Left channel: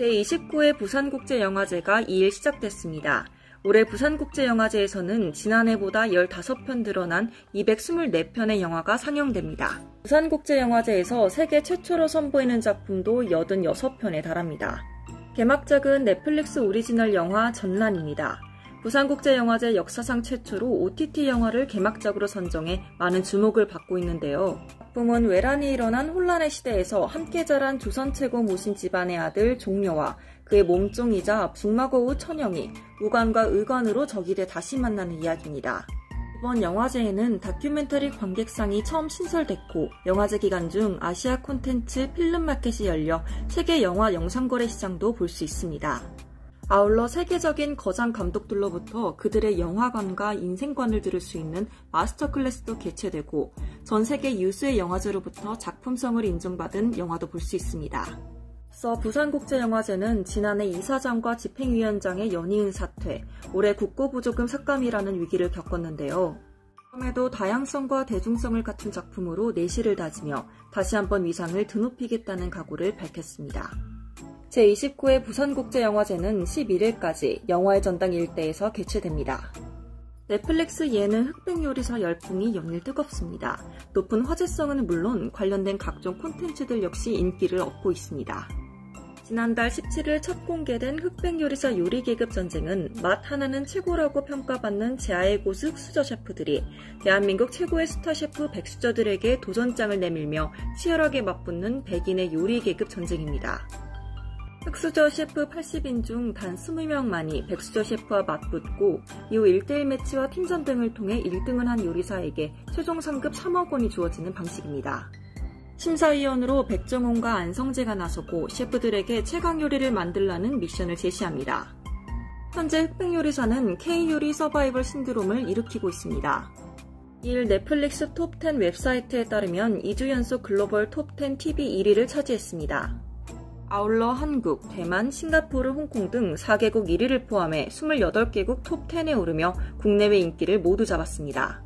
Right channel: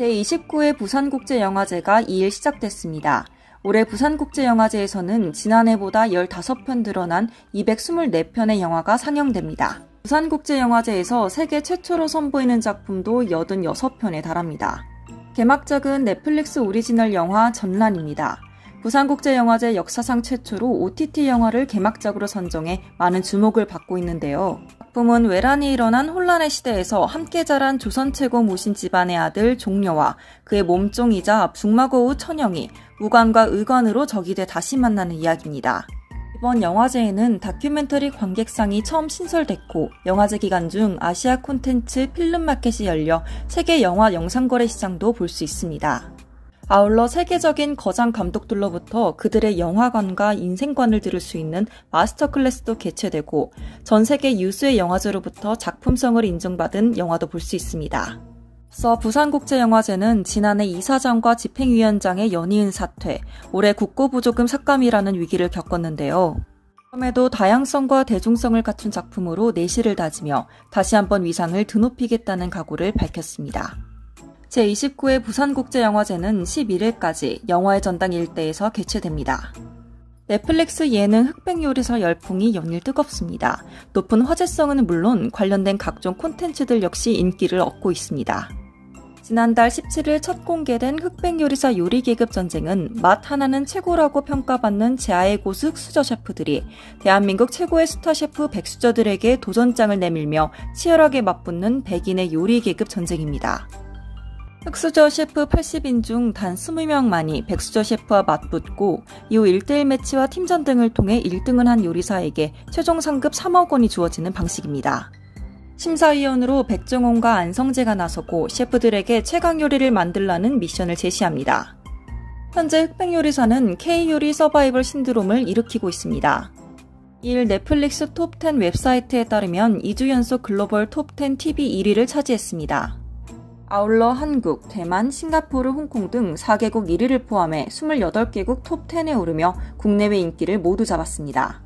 제29회 부산국제영화제가 2일 시작됐습니다. 올해 부산국제영화제에서는 지난해보다 15편 늘어난 224편의 영화가 상영됩니다. 부산국제영화제에서 세계 최초로 선보이는 작품도 86편에 달합니다. 개막작은 넷플릭스 오리지널 영화 전란입니다. 부산국제영화제 역사상 최초로 OTT 영화를 개막작으로 선정해 많은 주목을 받고 있는데요. 작품은 외란이 일어난 혼란의 시대에서 함께 자란 조선 최고 모신 집안의 아들 종려와 그의 몸종이자 북마고우 천영이 우관과 의관으로 적이 돼 다시 만나는 이야기입니다. 이번 영화제에는 다큐멘터리 관객상이 처음 신설됐고 영화제 기간 중 아시아 콘텐츠 필름마켓이 열려 세계 영화 영상거래 시장도 볼 수 있습니다. 아울러 세계적인 거장 감독들로부터 그들의 영화관과 인생관을 들을 수 있는 마스터 클래스도 개최되고 전 세계 유수의 영화제로부터 작품성을 인정받은 영화도 볼 수 있습니다. 앞서 부산국제영화제는 지난해 이사장과 집행위원장의 연이은 사퇴, 올해 국고부조금 삭감이라는 위기를 겪었는데요. 그럼에도 다양성과 대중성을 갖춘 작품으로 내실을 다지며 다시 한번 위상을 드높이겠다는 각오를 밝혔습니다. 제29회 부산국제영화제는 11일까지 영화의 전당 일대에서 개최됩니다. 넷플릭스 예능 흑백요리사 열풍이 연일 뜨겁습니다. 높은 화제성은 물론 관련된 각종 콘텐츠들 역시 인기를 얻고 있습니다. 지난달 17일 첫 공개된 흑백요리사 요리 계급 전쟁은 맛 하나는 최고라고 평가받는 제아의 고수 흑수저 셰프들이 대한민국 최고의 스타 셰프 백수저들에게 도전장을 내밀며 치열하게 맞붙는 백인의 요리 계급 전쟁입니다. 흑수저 셰프 80인 중 단 20명만이 백수저 셰프와 맞붙고 이후 1대1 매치와 팀전 등을 통해 1등을 한 요리사에게 최종 상급 3억 원이 주어지는 방식입니다. 심사위원으로 백종원과 안성재가 나서고 셰프들에게 최강 요리를 만들라는 미션을 제시합니다. 현재 흑백요리사는 K요리 서바이벌 신드롬을 일으키고 있습니다. 이일 넷플릭스 톱10 웹사이트에 따르면 2주 연속 글로벌 톱10 TV 1위를 차지했습니다. 아울러 한국, 대만, 싱가포르, 홍콩 등 4개국 1위를 포함해 28개국 톱10에 오르며 국내외 인기를 모두 잡았습니다.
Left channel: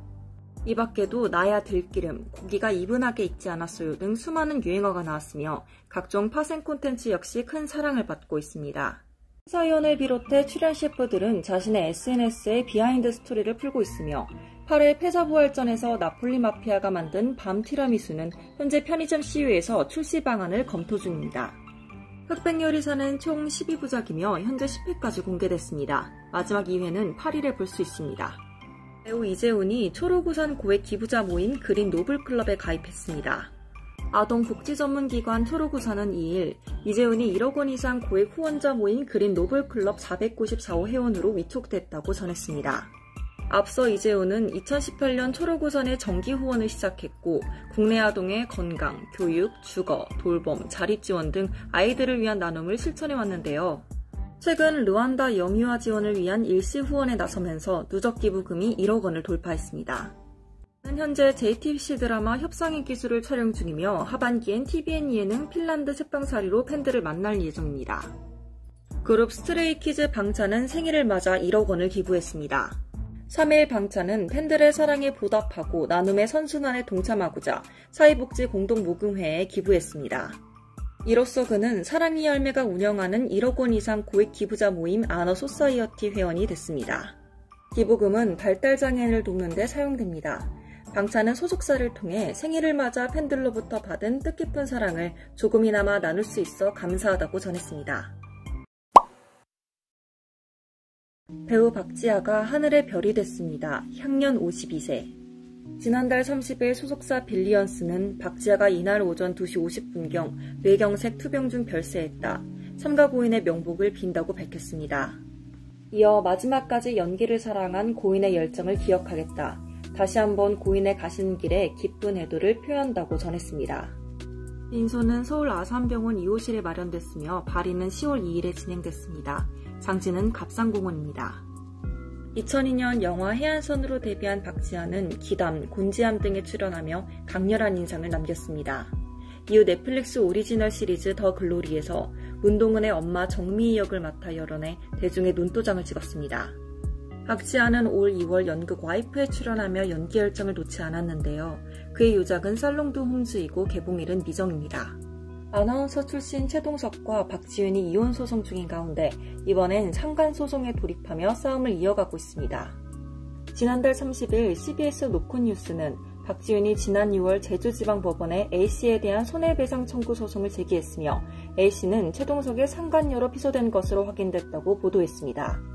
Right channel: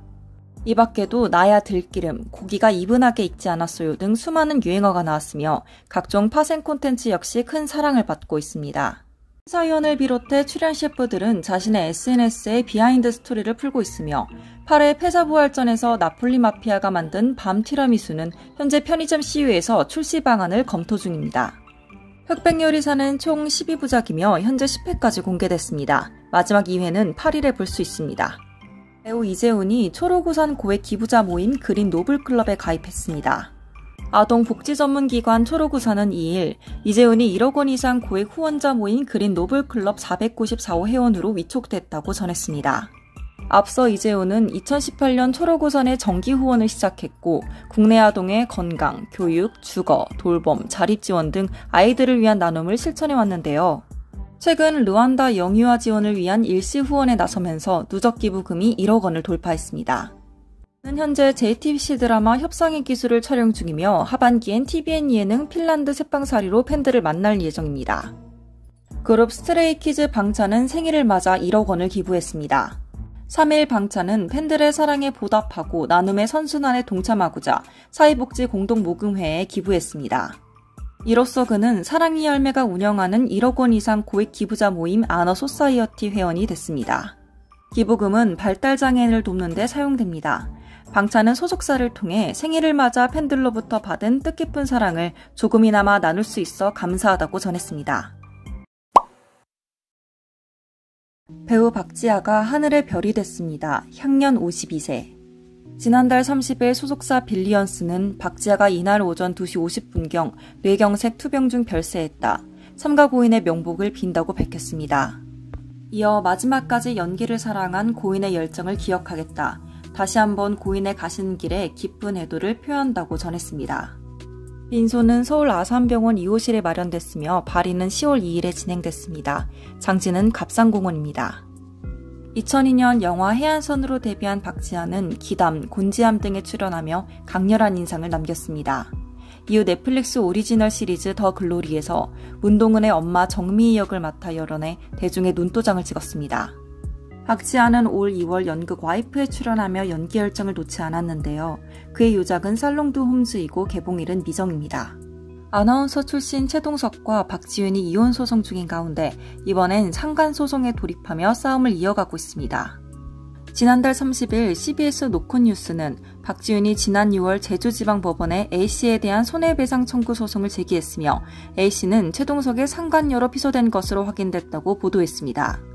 이 밖에도 나야 들기름, 고기가 이분하게 익지 않았어요 등 수많은 유행어가 나왔으며 각종 파생 콘텐츠 역시 큰 사랑을 받고 있습니다. 심사위원을 비롯해 출연 셰프들은 자신의 SNS에 비하인드 스토리를 풀고 있으며 8회 패사부활전에서 나폴리 마피아가 만든 밤 티라미수는 현재 편의점 CU에서 출시 방안을 검토 중입니다. 흑백요리사는 총 12부작이며 현재 10회까지 공개됐습니다. 마지막 2회는 8일에 볼 수 있습니다. 배우 이재훈이 초록우산 고액 기부자 모임 그린 노블클럽에 가입했습니다. 아동복지전문기관 초록우산은 2일 이재훈이 1억 원 이상 고액 후원자 모임 그린 노블클럽 494호 회원으로 위촉됐다고 전했습니다. 앞서 이재훈은 2018년 초록우산의 정기 후원을 시작했고 국내 아동의 건강, 교육, 주거, 돌봄, 자립지원 등 아이들을 위한 나눔을 실천해 왔는데요. 최근 르완다 영유아 지원을 위한 일시 후원에 나서면서 누적 기부금이 1억 원을 돌파했습니다. 그는 현재 JTBC 드라마 협상의 기술을 촬영 중이며 하반기엔 TVN 예능 핀란드 새빵살이로 팬들을 만날 예정입니다. 그룹 스트레이키즈 방찬은 생일을 맞아 1억 원을 기부했습니다. 3일 방찬은 팬들의 사랑에 보답하고 나눔의 선순환에 동참하고자 사회복지공동모금회에 기부했습니다. 이로써 그는 사랑의 열매가 운영하는 1억 원 이상 고액 기부자 모임 아너소사이어티 회원이 됐습니다. 기부금은 발달장애인을 돕는 데 사용됩니다. 방찬은 소속사를 통해 생일을 맞아 팬들로부터 받은 뜻깊은 사랑을 조금이나마 나눌 수 있어 감사하다고 전했습니다. 배우 박지아가 하늘의 별이 됐습니다. 향년 52세. 지난달 30일 소속사 빌리언스는 박지아가 이날 오전 2시 50분경 뇌경색 투병 중 별세했다. 삼가 고인의 명복을 빈다고 밝혔습니다. 이어 마지막까지 연기를 사랑한 고인의 열정을 기억하겠다. 다시 한번 고인의 가시는 길에 기쁜 애도를 표한다고 전했습니다. 빈소는 서울 아산병원 2호실에 마련됐으며 발인은 10월 2일에 진행됐습니다. 장지는 갑상공원입니다. 2002년 영화 해안선으로 데뷔한 박지아는 기담, 곤지암 등에 출연하며 강렬한 인상을 남겼습니다. 이후 넷플릭스 오리지널 시리즈 더 글로리에서 문동은의 엄마 정미희 역을 맡아 열연해 대중의 눈도장을 찍었습니다. 박지아는 올 2월 연극 와이프에 출연하며 연기 열정을 놓지 않았는데요. 그의 요작은 살롱드 홈즈이고 개봉일은 미정입니다. 아나운서 출신 최동석과 박지윤이 이혼 소송 중인 가운데 이번엔 상간소송에 돌입하며 싸움을 이어가고 있습니다. 지난달 30일 CBS 노컷뉴스는 박지윤이 지난 6월 제주지방법원에 A씨에 대한 손해배상 청구 소송을 제기했으며 A씨는 최동석의 상간녀로 피소된 것으로 확인됐다고 보도했습니다.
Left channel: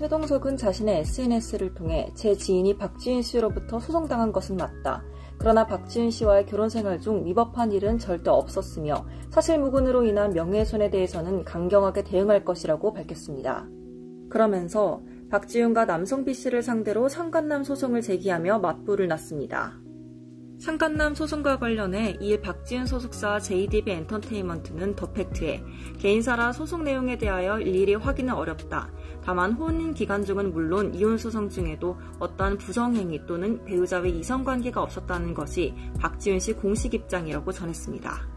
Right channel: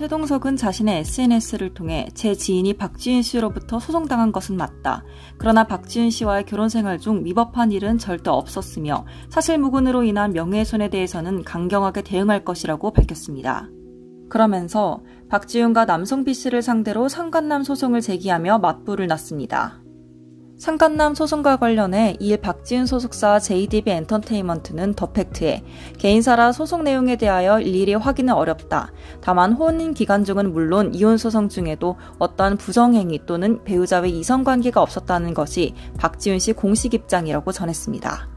최동석은 자신의 SNS를 통해 제 지인이 박지윤 씨로부터 소송당한 것은 맞다. 그러나 박지윤 씨와의 결혼 생활 중 위법한 일은 절대 없었으며 사실무근으로 인한 명예훼손에 대해서는 강경하게 대응할 것이라고 밝혔습니다. 그러면서 박지윤과 남성 B씨를 상대로 상간남 소송을 제기하며 맞불을 놨습니다. 상간남 소송과 관련해 이에 박지윤 소속사 JDB 엔터테인먼트는 더 팩트에 개인사라 소송 내용에 대하여 일일이 확인은 어렵다. 다만 혼인 기간 중은 물론 이혼 소송 중에도 어떠한 부정행위 또는 배우자의 이성관계가 없었다는 것이 박지윤 씨 공식 입장이라고 전했습니다.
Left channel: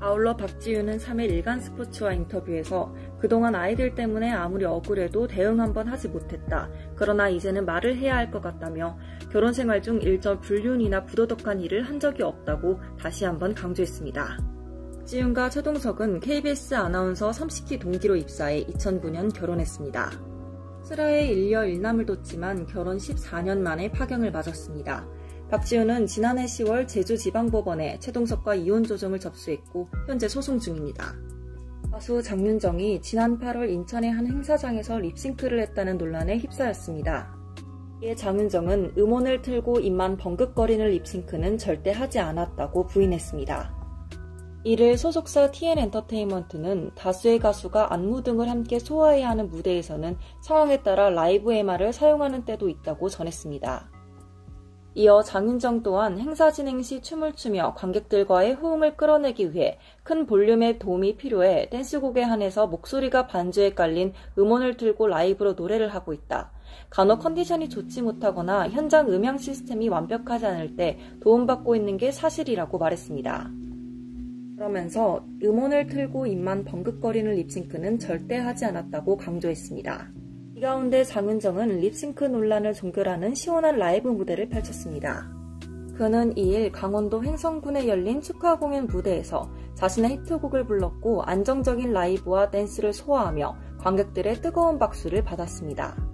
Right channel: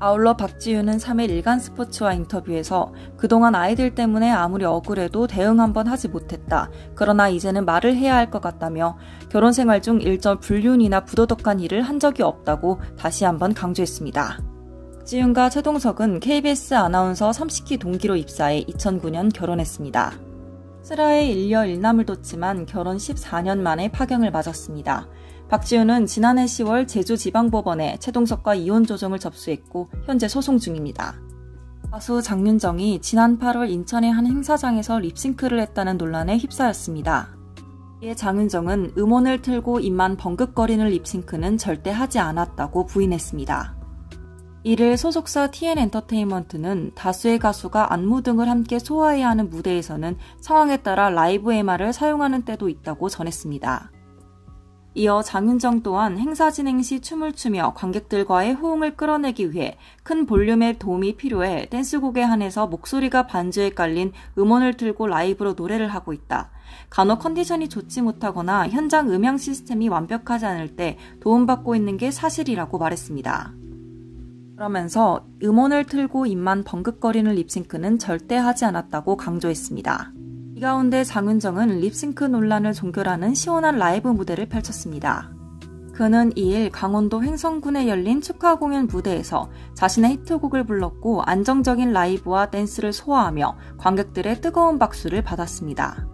아울러 박지윤은 3일 일간스포츠와 인터뷰에서 그동안 아이들 때문에 아무리 억울해도 대응 한번 하지 못했다. 그러나 이제는 말을 해야 할 것 같다며 결혼 생활 중 일절 불륜이나 부도덕한 일을 한 적이 없다고 다시 한번 강조했습니다. 박지윤과 최동석은 KBS 아나운서 30기 동기로 입사해 2009년 결혼했습니다. 슬하에 일녀 일남을 뒀지만 결혼 14년 만에 파경을 맞았습니다. 박지윤은 지난해 10월 제주지방법원에 최동석과 이혼 조정을 접수했고 현재 소송 중입니다. 가수 장윤정이 지난 8월 인천의 한 행사장에서 립싱크를 했다는 논란에 휩싸였습니다. 이에 장윤정은 음원을 틀고 입만 벙긋거리는 립싱크는 절대 하지 않았다고 부인했습니다. 이를 소속사 TN엔터테인먼트는 다수의 가수가 안무 등을 함께 소화해야 하는 무대에서는 상황에 따라 라이브 MR을 사용하는 때도 있다고 전했습니다. 이어 장윤정 또한 행사 진행 시 춤을 추며 관객들과의 호응을 끌어내기 위해 큰 볼륨의 도움이 필요해 댄스곡에 한해서 목소리가 반주에 깔린 음원을 틀고 라이브로 노래를 하고 있다. 간혹 컨디션이 좋지 못하거나 현장 음향 시스템이 완벽하지 않을 때 도움받고 있는 게 사실이라고 말했습니다. 그러면서 음원을 틀고 입만 벙긋거리는 립싱크는 절대 하지 않았다고 강조했습니다. 이 가운데 장윤정은 립싱크 논란을 종결하는 시원한 라이브 무대를 펼쳤습니다. 그는 2일 강원도 횡성군에 열린 축하 공연 무대에서 자신의 히트곡을 불렀고 안정적인 라이브와 댄스를 소화하며 관객들의 뜨거운 박수를 받았습니다.